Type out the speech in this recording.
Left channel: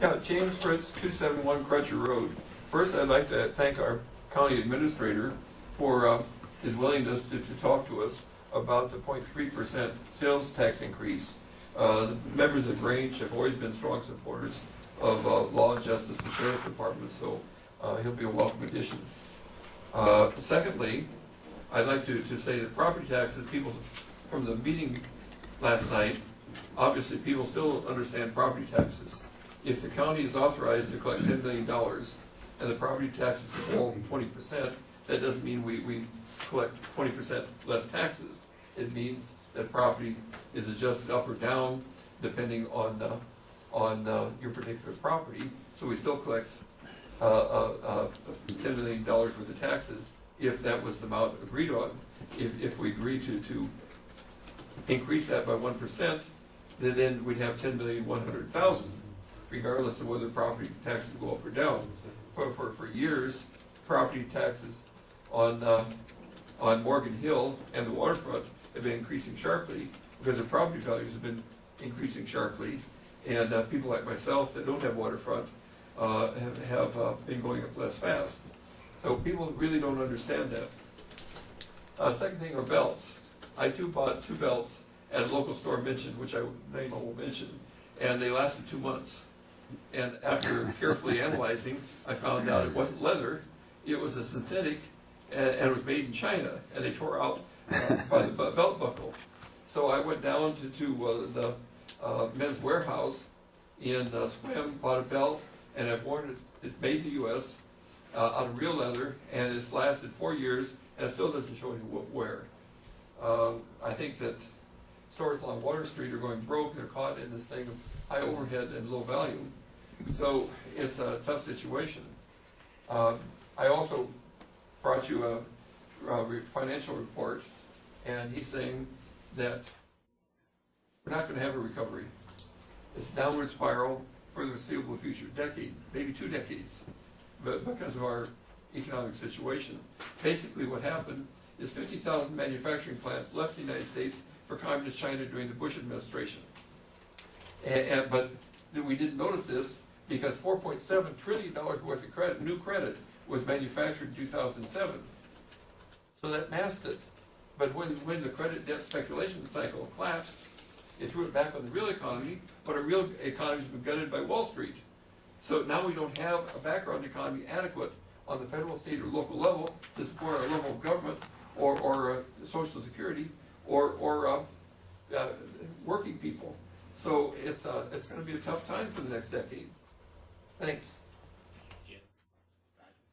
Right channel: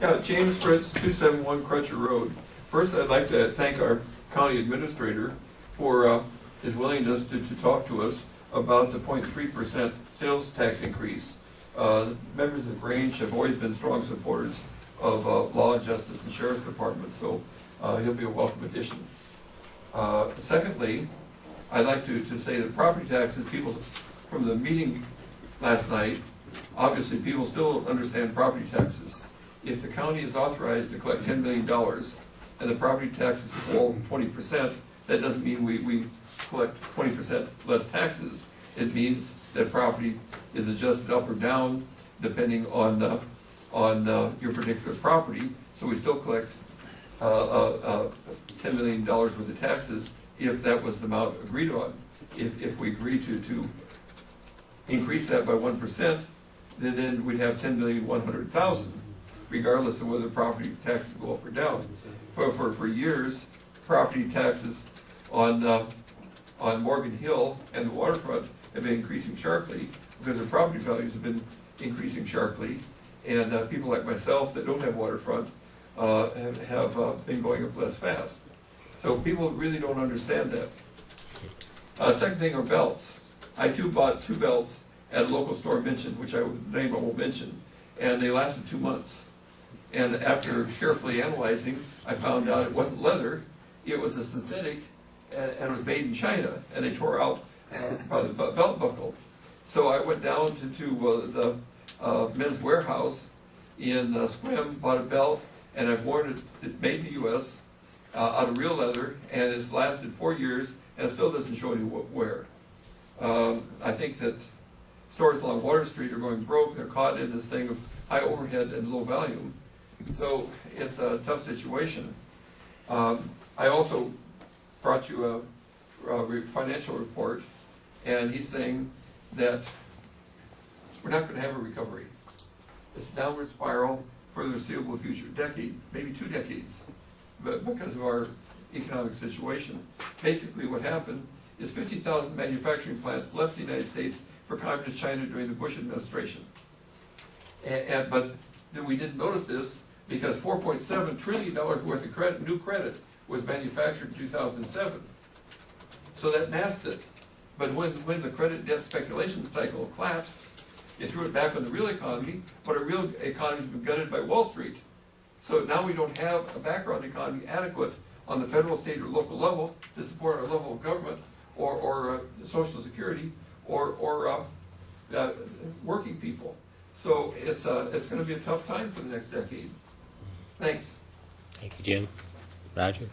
Yeah, James Fritz, 271 Crutcher Road. First, I'd like to thank our county administrator for his willingness to talk to us about the 0.3% sales tax increase. The members of Range have always been strong supporters of law, justice, and sheriff's department, so he'll be a welcome addition. Secondly, I'd like to say that property taxes, people from the meeting last night, obviously people still don't understand property taxes. If the county is authorized to collect $10 million and the property taxes fall 20%, that doesn't mean we collect 20% less taxes. It means that property is adjusted up or down depending on your particular property. So we still collect $10 million worth of taxes if that was the amount agreed on. If we agree to increase that by 1%, then we'd have $10,100,000, regardless of whether property taxes go up or down. For years, property taxes on Morgan Hill and the waterfront have been increasing sharply because the property values have been increasing sharply, and people like myself that don't have waterfront have been going up less fast. So people really don't understand that. Second thing are belts. I too bought 2 belts at a local store mentioned, which I won't mention, and they lasted 2 months. And after carefully analyzing, I found out it wasn't leather, it was a synthetic, and it was made in China, and they tore out by the belt buckle. So I went down to the Men's Warehouse in Sequim, bought a belt, and I've worn it. It's made in the U.S. Out of real leather, and it's lasted 4 years, and it still doesn't show any wear. I think that stores along Water Street are going broke. They're caught in this thing of high overhead and low volume. So it's a tough situation. I also brought you a financial report, and he's saying that we're not going to have a recovery. It's a downward spiral for the foreseeable future, decade, maybe 2 decades, but because of our economic situation. Basically what happened is 50,000 manufacturing plants left the United States for Communist China during the Bush administration. But we didn't notice this because $4.7 trillion worth of new credit was manufactured in 2007. So that masked it. But when the credit debt speculation cycle collapsed, it threw it back on the real economy, but a real economy has been gutted by Wall Street. So now we don't have a background economy adequate on the federal, state, or local level to support our level of government or Social Security or working people. So it's going to be a tough time for the next decade. Thanks. Thank you, Jim. Roger?